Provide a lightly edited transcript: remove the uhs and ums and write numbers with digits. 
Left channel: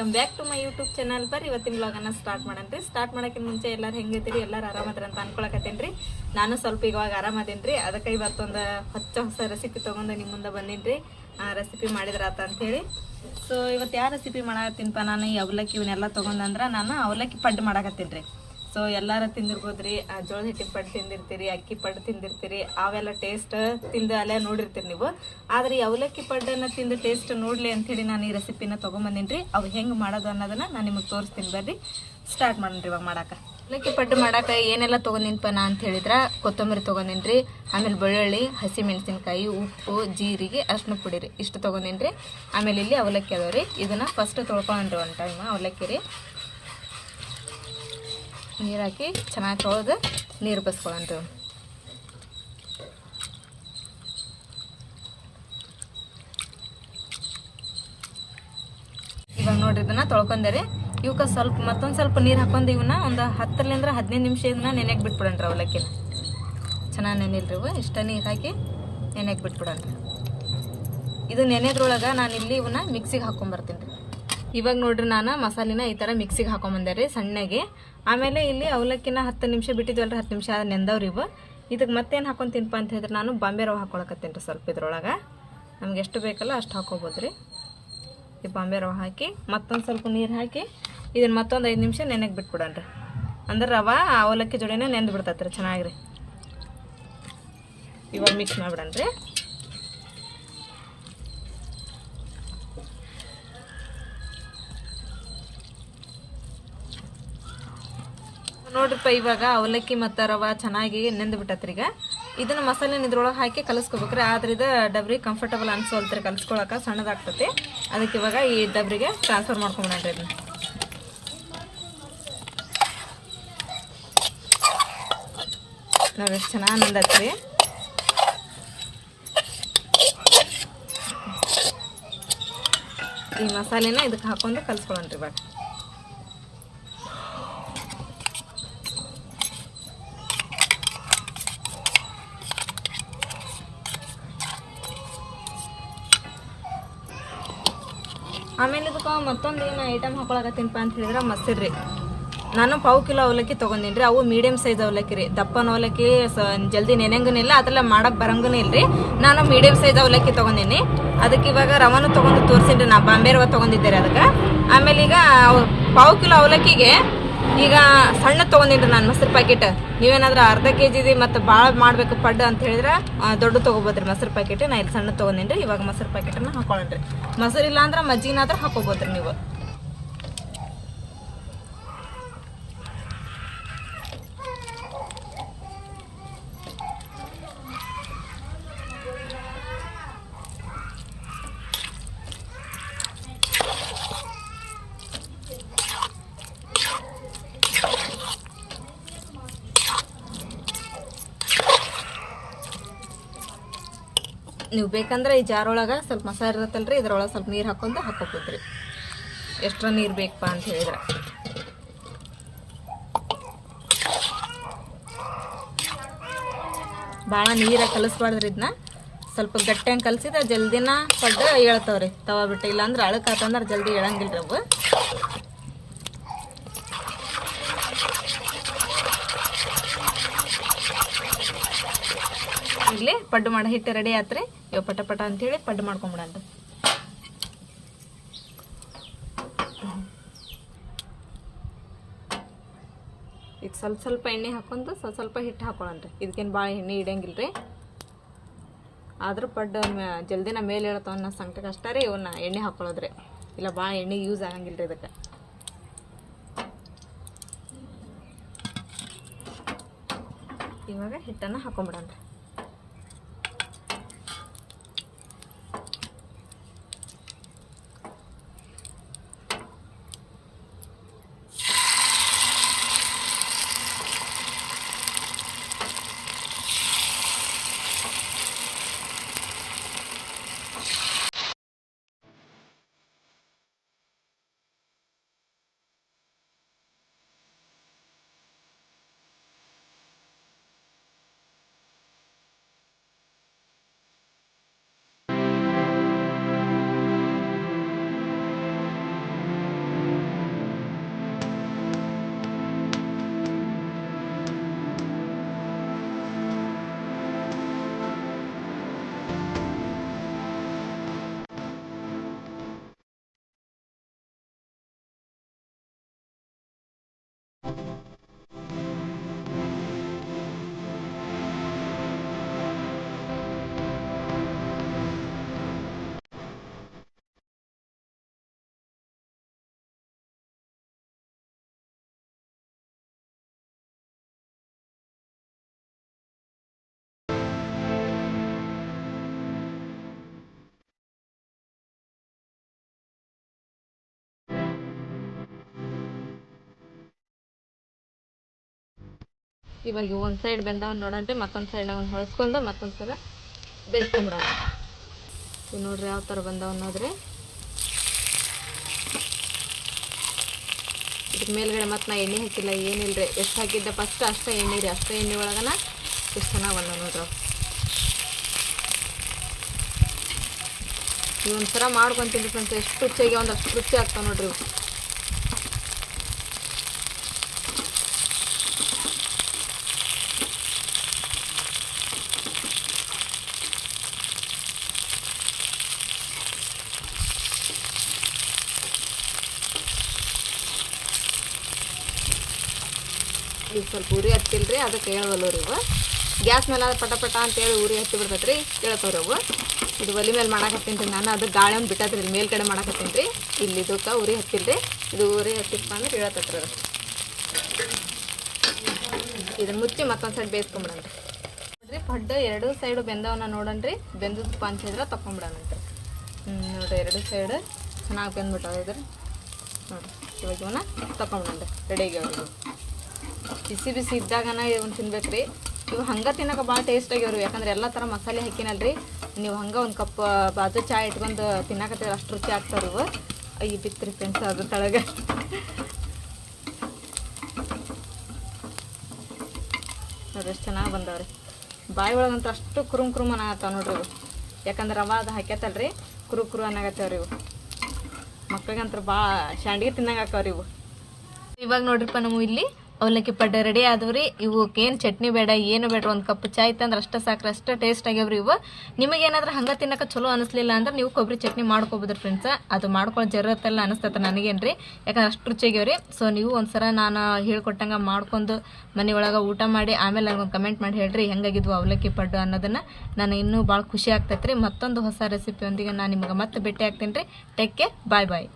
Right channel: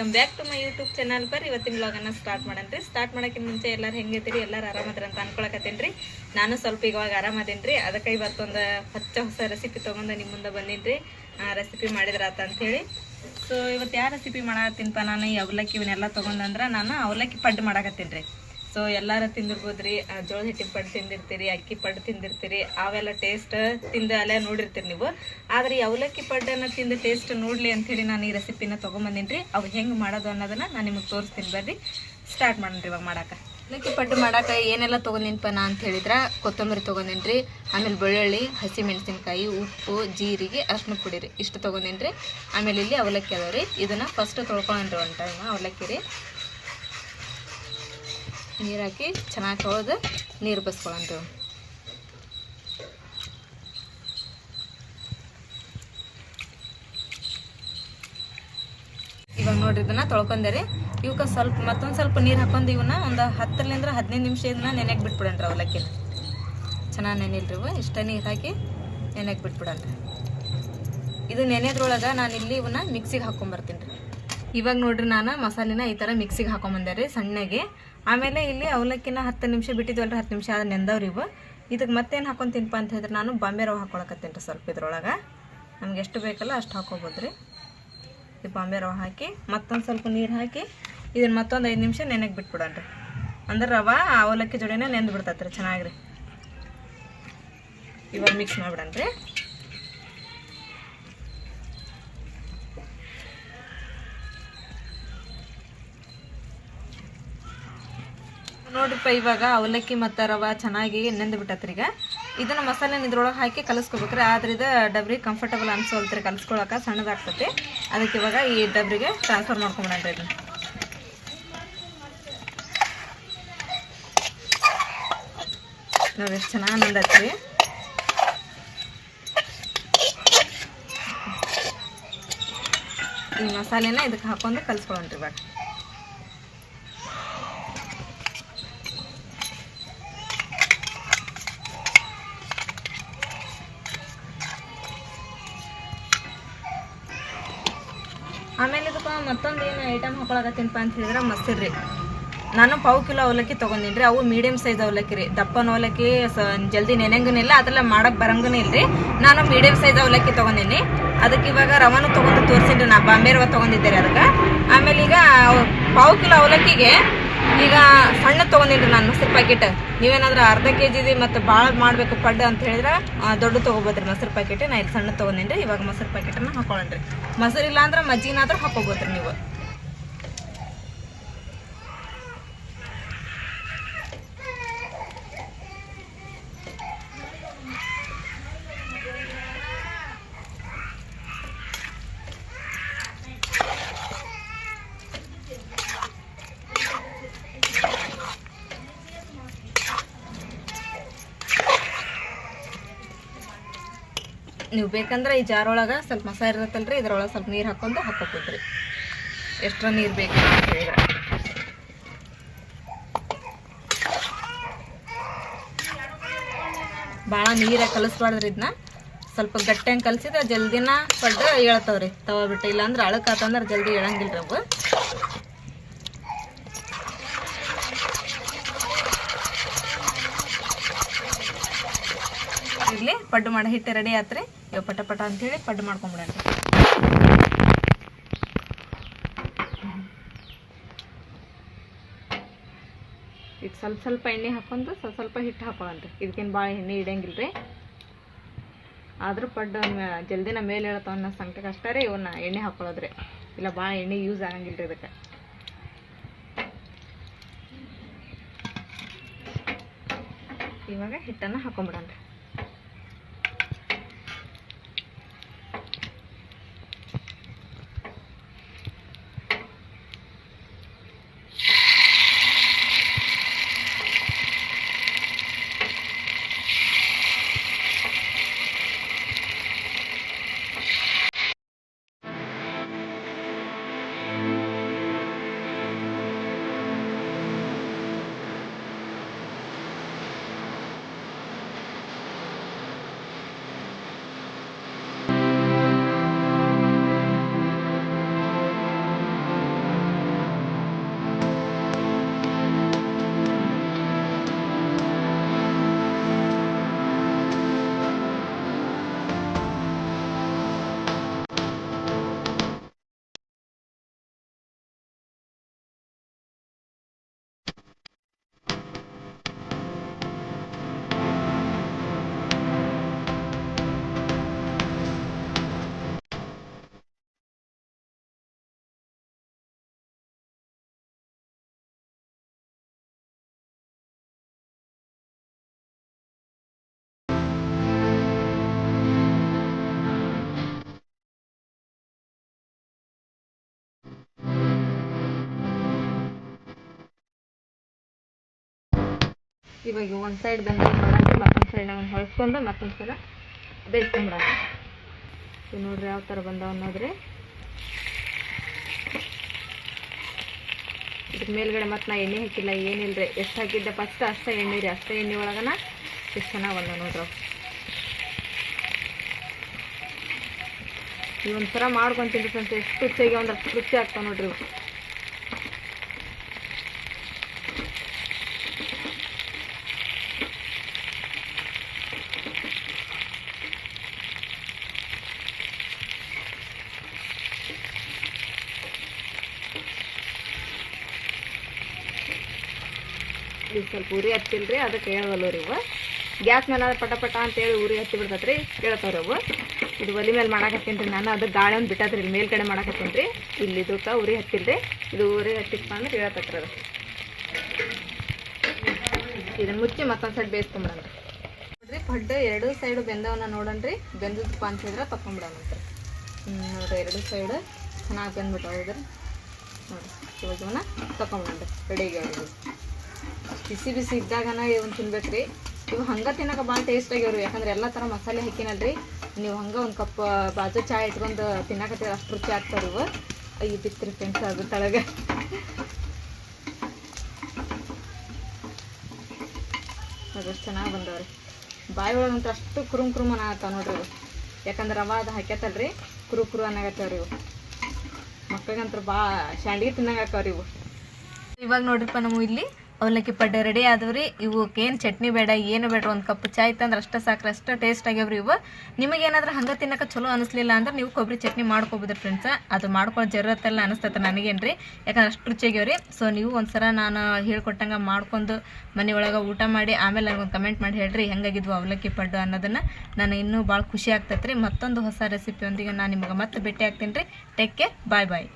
Welcome back to my YouTube channel. ಬರ್ರಿ ಇವತ್ತಿನ ವ್ಲಾಗನ್ನು start ಮಾಡನ್ರಿ. Start ಮಾಡೋಕ್ಕಿಂತ ಮುಂಚೆ ಎಲ್ಲರೂ ಹೆಂಗಿದ್ದೀರಿ, ಎಲ್ಲರೂ ಆರಾಮದ್ರ ಅಂತ ಅನ್ಕೊಳಕತ್ತೇನ್ರಿ. ನಾನು ಸ್ವಲ್ಪ ಇವಾಗ ಆರಾಮದೇನ್ರಿ. ಅದಕ್ಕೆ ಇವತ್ತೊಂದು ಹೊಸ ರೆಸಿಪಿ ತೊಗೊಂಡು ನಿಮ್ಮ ಮುಂದೆ ಬಂದೀನಿ. ರೆಸಿಪಿ ಮಾಡಿದ್ರಾತ ಅಂಥೇಳಿ. ಸೊ ಇವತ್ತು ಯಾವ ರೆಸಿಪಿ ಮಾಡತ್ತೀನಪ್ಪ, ನಾನು ಈ ಅವಲಕ್ಕಿ ಇವನ್ನೆಲ್ಲ ತೊಗೊಂಡಂದ್ರೆ ನಾನು ಅವಲಕ್ಕಿ ಪಡ್ಡು ಮಾಡಕತ್ತೀನಿ ರೀ. ಸೊ ಎಲ್ಲರೂ ತಿಂದಿರ್ಬೋದ್ರಿ, ಜೋಳದ ಹಿಟ್ಟಿನ ಪಡ್ಡು ತಿಂದಿರ್ತೀರಿ, ಅಕ್ಕಿ ಪಡ್ಡು ತಿಂದಿರ್ತೀರಿ, ಅವೆಲ್ಲ ಟೇಸ್ಟ್ ತಿಂದು ಅಲ್ಲೇ ನೋಡಿರ್ತೀರಿ ನೀವು. ಆದರೆ ಈ ಅವಲಕ್ಕಿ ಪಡ್ಡನ್ನು ತಿಂದು ಟೇಸ್ಟ್ ನೋಡಲಿ ಅಂಥೇಳಿ ನಾನು ಈ ರೆಸಿಪಿನ ತೊಗೊಂಬಂದೀನಿ ರೀ. ಅವು ಹೆಂಗೆ ಮಾಡೋದು ಅನ್ನೋದನ್ನು ನಾನು ನಿಮಗೆ ತೋರಿಸ್ತೀನಿ. ಬರ್ರಿ ಸ್ಟಾರ್ಟ್ ಮಾಡೋಣ ರೀ ಇವಾಗ ಮಾಡೋಕೆ. ಅವಲಕ್ಕಿ ಪಡ್ಡು ಮಾಡೋಕೆ ಏನೆಲ್ಲ ತೊಗೊಂಡಿನಪ್ಪ ನಾ ಅಂತ ಹೇಳಿದ್ರೆ, ಕೊತ್ತಂಬರಿ ತೊಗೊಂಡೀನಿ ರೀ, ಆಮೇಲೆ ಬೆಳ್ಳುಳ್ಳಿ, ಹಸಿಮೆಣಸಿನ್ಕಾಯಿ, ಉಪ್ಪು, ಜೀರಿಗೆ, ಅರ್ಶಿನ ಪುಡಿ ರೀ, ಇಷ್ಟು ತೊಗೊಂಡೀನಿ ರೀ. ಆಮೇಲೆ ಇಲ್ಲಿ ಅವಲಕ್ಕಿ ಅದಾವೆ ರೀ. ಇದನ್ನು ಫಸ್ಟ್ ತೊಳ್ಕೊಂಡ್ರಿ ಒಂದು ಟೈಮ್ ಅವಲಕ್ಕಿ ರೀ. ನೀರು ಹಾಕಿ ಚೆನ್ನಾಗಿ ತೊಳೆದು ನೀರು ಬಸ್ಕೊಳ್ಳೋಣ್ರಿ. ಇವಾಗ ನೋಡ್ರಿ ಇದನ್ನ ತೊಳ್ಕೊಂಡೆ. ಇವಕ್ಕೆ ಮತ್ತೊಂದು ಸ್ವಲ್ಪ ನೀರು ಹಾಕೊಂಡು ಇವನ್ನ ಒಂದು 10ರಿಂದ 15 ನಿಮಿಷ ಇದನ್ನ ನೆನೆಗೆ ಬಿಟ್ಬಿಡೋಣ್ರಿ. ಅವಲಕ್ಕಿನ ಚೆನ್ನಾಗಿ ನೆನಿಲ್ರಿ ಇವು. ಇಷ್ಟ ನೀರು ಹಾಕಿ ನೆನೆಗೆ ಬಿಟ್ಬಿಡೋಣ್ರಿ. ಇದು ನೆನೆದ್ರೊಳಗೆ ನಾನು ಇಲ್ಲಿ ಇವನ್ನ ಮಿಕ್ಸಿಗೆ ಹಾಕೊಂಬರ್ತೀನಿ ರೀ. ಇವಾಗ ನೋಡ್ರಿ ನಾನು ಮಸಾಲಿನ ಈ ಥರ ಮಿಕ್ಸಿಗೆ ಹಾಕೊಂಬಂದೆ ರೀ ಸಣ್ಣಗೆ. ಆಮೇಲೆ ಇಲ್ಲಿ ಅವಲಕ್ಕಿನ 10 ನಿಮಿಷ ಬಿಟ್ಟಿದ್ವಲ್ರಿ, 10 ನಿಮಿಷ ನೆಂದವ್ರಿ ಇವು. ಇದಕ್ಕೆ ಮತ್ತೇನು ಹಾಕೊತೀನಪ್ಪ ಅಂತ ಹೇಳಿದ್ರೆ, ನಾನು ಬಾಂಬೆ ರವೆ ಹಾಕೊಳಕತ್ತೀನಿ ರೀ. ಸ್ವಲ್ಪ ಇದ್ರೊಳಗೆ ನಮ್ಗೆ ಎಷ್ಟು ಬೇಕಲ್ಲ ಅಷ್ಟು ಹಾಕೋಬೋದು ರೀ. ಈ ಬಾಂಬೆ ರವೆ ಹಾಕಿ ಮತ್ತೊಂದು ಸ್ವಲ್ಪ ನೀರು ಹಾಕಿ ಇದನ್ನು ಮತ್ತೊಂದು 5 ನಿಮಿಷ ನೆನೆಗೆ ಬಿಟ್ಬಿಡೋಣ್ರಿ. ಅಂದ್ರೆ ರವೆ ಅವಲಕ್ಕಿ ಜೋಡಿನೇ ನೆಂದು ಬಿಡ್ತೈತೆ ರೀ ಚೆನ್ನಾಗಿ. ಇವಾಗ ಮಿಕ್ಸ್ ಮಾಡಿಬಿಡೋಣ್ರಿ. ನೋಡ್ರಿಪ್ಪ, ಇವಾಗ ಅವಲಕ್ಕಿ ಮತ್ತು ರವೆ ಚೆನ್ನಾಗಿ ನೆಂದು ಬಿಟ್ಟತ್ರಿ. ಈಗ ಇದನ್ನು ಮಸಾಲೆನ ಇದ್ರೊಳಗೆ ಹಾಕಿ ಕಲಿಸ್ಕೋಬೇಕ್ರಿ. ಆದ್ರೆ ಇದು ಡಬ್ರಿ ಕಂಫರ್ಟಬಲ್ ಅನ್ಸೋಲ್ತ್ರಿ ಕಲಿಸ್ಕೊಳಕ್ಕೆ, ಸಣ್ಣದಾಗ್ತೈತಿ. ಅದಕ್ಕೆ ಇವಾಗ ಈ ಡಬ್ರಿಗೆ ಟ್ರಾನ್ಸ್ಫರ್ ಮಾಡ್ಕೊಂಬಿಡೋಣ್ರಿ. ಇದನ್ನ ನಾವು ಎಷ್ಟು ಚೆನ್ನಾಗಿ ನೆಂದತ್ರಿ. ಈ ಮಸಾಲೆನ ಇದಕ್ಕೆ ಹಾಕೊಂಡು ಕಲಿಸ್ಕೊಳ್ಳೋಣ್ರಿ ಇವಾಗ. ಆಮೇಲೆ ಇದಕ್ಕೆ ಮತ್ತೊಂದು ಏನು ಐಟಮ್ ಹಾಕೊಳಕತ್ತೀನಪ್ಪ ಅಂತ ಹೇಳಿದ್ರೆ ಮೊಸರು ರೀ. ನಾನು 1/4 ಕಿಲೋ ಅವಲಕ್ಕಿ ತೊಗೊಂಡಿನಿ ರೀ. ಅವು ಮೀಡಿಯಮ್ ಸೈಜ್ ಅವಲಕ್ಕಿ ರೀ. ದಪ್ಪನ ಅವಲಕ್ಕಿ ಜಲ್ದಿ ನೆನೆಂಗನಿಲ್ಲ, ಅದೆಲ್ಲ ಮಾಡೋಕೆ ಬರಂಗೂ ಇಲ್ಲರಿ. ನಾನು ಮೀಡಿಯಮ್ ಸೈಜ್ ಅವಲಕ್ಕಿ ತೊಗೊಂಡೀನಿ. ಅದಕ್ಕೆ ಇವಾಗ ರವಾನು ತೊಗೊಂಡು ತೋರಿಸಿನಿ ರೀ. ನಾ ಬಾಂಬೆ ರವೆ ತೊಗೊಂಡಿದ್ದೆ ರೀ ಅದಕ್ಕೆ. ಆಮೇಲೆ ಈಗ 1/4 ಕಿಲೋ ಅವಲಕ್ಕಿಗೆ ಈಗ ಸಣ್ಣ ತೊಗೊಂಡಿನಿ ರೀ ನಾನು ಮೊಸರು ಪ್ಯಾಕೆಟ್. ನೀವೇನಾದ್ರೂ ಅರ್ಧ kg ಮತ್ತು ಭಾಳ ಮಾಡಬೇಕು ಪಡ್ಡು ಅಂತ ಹೇಳಿದ್ರೆ ದೊಡ್ಡ ತೊಗೋಬೋದ್ರಿ ಮೊಸರು ಪ್ಯಾಕೆಟ್. ನಾ ಇಲ್ಲಿ ಸಣ್ಣ ತೊಗೊಂಡೀನಿ ರೀ. ಇವಾಗ ಮೊಸರು ಪ್ಯಾಕೆಟನ್ನು ಹಾಕೊಳ್ಳೋಣ್ರಿ. ಮೊಸರು ಇಲ್ಲ ಅಂದ್ರೆ ಮಜ್ಜಿಗೆನಾದ್ರೂ ಹಾಕೋಬೋದ್ರಿ ನೀವು. ನೀವು ಬೇಕಂದ್ರೆ ಈ ಜಾರೊಳಗೆ ಸ್ವಲ್ಪ ಮಸಾಲೆ ಇರತ್ತಲ್ರಿ, ಇದ್ರೊಳಗೆ ಸ್ವಲ್ಪ ನೀರು ಹಾಕೊಂಡು ಹಾಕೋಬೋದ್ರಿ, ಎಷ್ಟರ ನೀರು ಬೇಕು ಅಂತ ಹೇಳಿದ್ರೆ. ಭಾಳ ನೀರಾಗಿ ಕಲಿಸ್ಬಾರ್ದ್ರಿ. ಇದನ್ನ ಸ್ವಲ್ಪ ಗಟ್ಟಿಯಾಗಿ ಕಲಿಸಿದ್ರೆ ಜಲ್ದಿನ ಪಡ್ಡು ಹೇಳ್ತಾವ್ರಿ ತವ ಬಿಟ್ಟು. ಇಲ್ಲಾಂದ್ರೆ ಅಳಕಾತಂದ್ರೆ ಜಲ್ದಿ ಹೇಳಂಗಿಲ್ಲ ರೀ ಅವು. ಇಲ್ಲಿ ಪಡ್ಡು ಮಾಡಿ ಹಿಟ್ಟು ರೆಡಿ ಆತ್ರಿ. ಇವಾಗ ಪಟ ಪಟ ಅಂಥೇಳಿ ಪಡ್ಡು ಮಾಡ್ಕೊಂಬಿಡೋಣ್ರಿ. ಈಗ ಸ್ವಲ್ಪ ಎಣ್ಣೆ ಹಾಕೊಂಡು ಸ್ವಲ್ಪ ಹಿಟ್ಟು ಹಾಕೊಳ್ಳೋಣ್ರಿ. ಇದಕ್ಕೇನು ಭಾಳ ಎಣ್ಣೆ ಇಡಂಗಿಲ್ಲ ರೀ. ಆದರೂ ಪಡ್ಡು ಜಲ್ದಿನ ಮೇಲೆ ಇರತ್ತವ ಅನ್ನೋ ಸಂಖ್ಯೆಗೆ ಅಷ್ಟೇ ರೀ ಇವನ್ನ ಎಣ್ಣೆ ಹಾಕೊಳ್ಳೋದ್ರಿ. ಇಲ್ಲ ಭಾಳ ಎಣ್ಣೆ ಯೂಸ್ ಆಗಂಗಿಲ್ಲ ರೀ ಇದಕ್ಕೆ. ಇವಾಗ ಹಿಟ್ಟನ್ನು ಹಾಕೊಂಬಿಡೋಣ್ರಿ. ಇವಾಗ ಒಂದು ಸೈಡ್ ಬೆಂದಾಗ ನೋಡೋಣ್ರಿ, ಮತ್ತೊಂದು ಸೈಡ್ ನಾವು ಹೊಳ್ಸ್ಕೊಂಡು ಮತ್ತೊಂದು ಸಲ ಬೇಯಿಸ್ಕೊಂಬಿಡೋಣ. ಇವು ನೋಡ್ರಿ ಯಾವ ಥರ ಬಂದಾವ ಅನ್ನೋದ್ರಿ. ಇದ್ರ ಮೇಲ್ಗಡೆ ಮತ್ತು ನಾ ಎಣ್ಣೆ ಹಾಕಿಲ್ಲ, ಏನಿಲ್ಲ ರೀ. ಎಷ್ಟು ಹಾಕಿದ್ದೆ ಫಸ್ಟ್ ಅಷ್ಟೇ ಎಣ್ಣೆ ರೀ, ಅಷ್ಟೇ ಎಣ್ಣೆ ಒಳಗನ ಎಷ್ಟು ಚೆನ್ನಾಗಿ ಬಂದಾವ ನೋಡ್ರಿ. ಇವು ಒಂಥರ ಮಾಡ್ಕೊತೀನಿ ಫ್ರೆಂಡ್ಸ್, ಎಷ್ಟು ರುಚಿಯಾಗಿ ಒಂದು ಅಷ್ಟು ರುಚಿ ಆಗ್ತಾವೆ ನೋಡ್ರಿ ಇವು. ಇದು ಸ್ವಲ್ಪ ಉರಿ ಹತ್ತಿಲ್ರಿ, ಅದಕ್ಕೆ ಹೇಳ್ವಲ್ಲ ರೀ ಇವು. ಗ್ಯಾಸ್ ಮೇಲೆ ಪಟ ಪಟ ಅಂತೇಳಿ ಉರಿ ಹತ್ತಿ ಬಿಡ್ತೈತೆ ರೀ, ಹೇಳ್ತಾವ್ರಿ ಅವು. ಇದು ಒಲೆ ಮೇಲೆ ಮಾಡಾಕತ್ತೀನಿ ರೀ ನಾನು, ಅದು ಗಾಳಿ ಒಂದು ಬಿಟ್ಟತ್ರಿ ಇಲ್ಲಿ ಮೇಲ್ಗಡೆ ಮಾಡಾಕತ್ತೀನಿ ರೀ. ಇಲ್ಲಿ ಇದಕ್ಕೆ ಉರಿ ಹತ್ತಿಲ್ರಿ, ಇದು ಉರಿ ಹತ್ತಿಪ್ಪ ಅಂದ್ರೆ ಹೇಳ್ತೈತ್ರಿ ಅದು. ಇದನ್ನ ಮುಚ್ಚಿ ಮತ್ತೊಂದು ಸೈಡ್ ಬೇಯಿಸ್ಕೊಂಬಿಡೋಣ ನೋಡ್ರಿ. ಪಡ್ಡು ಎರಡು ಸೈಡು ಬೆಂದವನ್ನ ನೋಡೋಣ್ರಿ. ಬೆಂದದಪ್ಪ ಅಂತಿದ್ರೆ ತಗೊಂಬಿಡೋಣ ನೋಡ್ರಿ. ಎರಡು ಸೈಡು ಚೆನ್ನಾಗಿ ಬೆಂದ್ಬಿಟ್ಟು ನೋಡಿರಿ. ಇವಾಗ ಇವನ್ನ ತಗೊಂಬಿಡೋಣ ರೆಡಿಗೆ. ಅವ್ರಿಗೆ ಬಿಸಿ ಬಿಸಿ ಇದ್ದಾಗನ ಇವನ್ನ ತಿನ್ಬೇಕು ರೀ. ಇವು ಹಂಗೆ ತಿನ್ನೋಕೆ ಭಾಳ ಟೇಸ್ಟ್ ಆಗ್ಯಾವ್ರಿ, ಯಾಕಂದ್ರೆ ಎಲ್ಲ ಥರ ಮಸಾಲೆ ಹಾಕಿನಲ್ರಿ. ನೀವು ಹಂಗೆ ಒಂದು ಕಪ್ ಬಾಜು ಚಾ ಇಟ್ಕೊಂಡು ತಿನ್ನಕತ್ತೀರ, ಅಷ್ಟು ರುಚಿ ಆಗ್ತಾವ್ರಿ ಇವು. ಅಯ್ಯ ಬಿತ್ರಿ ಫ್ರೆಂಡ್ಸ್ ಅದು ತಳಗೆ. ಅದಷ್ಟು ಚೆನ್ನಾಗಿ ಬಂದವ್ರಿ. ಬಾಯಿ ಒಳಗಂತೂ ಅಷ್ಟು ಕುರುಮ್ ಕುರುಮ್ ಅನ್ನಾಗತ್ತಾವ ನೋಡ್ರಿ ಇವು. ಯಾಕಂದ್ರೆ ರವೆ ಅದು ಹಾಕ್ಯತ್ತಲ್ರಿ, ಕುರು ಅನ್ನಾಗತ್ತವ್ರಿ ಇವು. ಮಕ್ಳಿಗಂತೂ ಭಾಳ ಶಾಂಡಿಗೆ ತಿನ್ನಂಗೆ ಹಾಕವ್ರಿ ಇವು. ಇವಾಗ ನೋಡ್ರಿಪ್ಪ ನಾವು ಇಲ್ಲಿ ಅವಲಕ್ಕಿ ಪಡ್ಡೆ ರೆಡಿ ಆದವ್ರಿ. ಇವಕ್ಕೇನು ಚಟ್ನಿ ಬೇಡ, ಏನು ಬೇಡ, ಒಂದು ಕಪ್ ಚಾಯ್ ತಂದ್ರೆ ಅಷ್ಟೇ ಸಾಕ್ರಿ, ಅಷ್ಟು ಟೇಸ್ಟ್ ಆಗ್ಯಾವ್ರಿ ಇವು. ನಿಮಗೇನಾದ್ರೂ ಹಂಗೆ ತಿನ್ನಕ್ಕೆ ಚಲೋ ಅನಿಸ್ಲಿಲ್ಲ ಅಂದ್ರೆ ನೀವು ಕೊಬ್ಬರಿ ಚಟ್ನಿ ಮಾಡ್ಕೊಬೋದ್ರಿ ಫ್ರೆಂಡ್ಸ್. ಅದು ಮಾಡ್ಕೊಳ್ಳೋ ಜರೂರತ್ತೆಲ್ಲ ಅನಿಸ್ತೈತೆ ನನಗೇನು ರೀ, ಯಾಕಂದ್ರೆ ಅಷ್ಟು ರುಚಿಯಾಗ್ಯಾವ್ರಿ. ಸೊ ನೀವು ಒಂದ್ಸಲ ನಾನು ಹೇಳ್ಕೊಟ್ಟಂಗೆ ಮಾಡ್ಕೊಂಡು ಮನೆಯೊಳಗೆ ಊಟ ಮಾಡಿ ಆಮೇಲೆ ನನಗೊಂದು ಕಮೆಂಟ್ ಮಾಡಿ ಹೇಳ್ರಿ ಹೆಂಗಾಗಿದ್ವು ಅವಲಕ್ಕಿ ಪಡ್ಡು ಅನ್ನೋದನ್ನು. ನಾನು ಇನ್ನೂ ಭಾಳ ಖುಷಿ ಆಗ್ತೈತೆ ರೀ. ಮತ್ತೊಂದು ಹೊಸ ರೆಸಿಪಿಯೊಂದಿಗೆ ನಾನು ನಿಮಗೆ ಮತ್ತೆ ಭೇಟಿ ಆಗ್ತೀನಿ ರೀ. ಟೇಕ್ ಕೇರ್, ಬಾಯ್ ಬಾಯ್.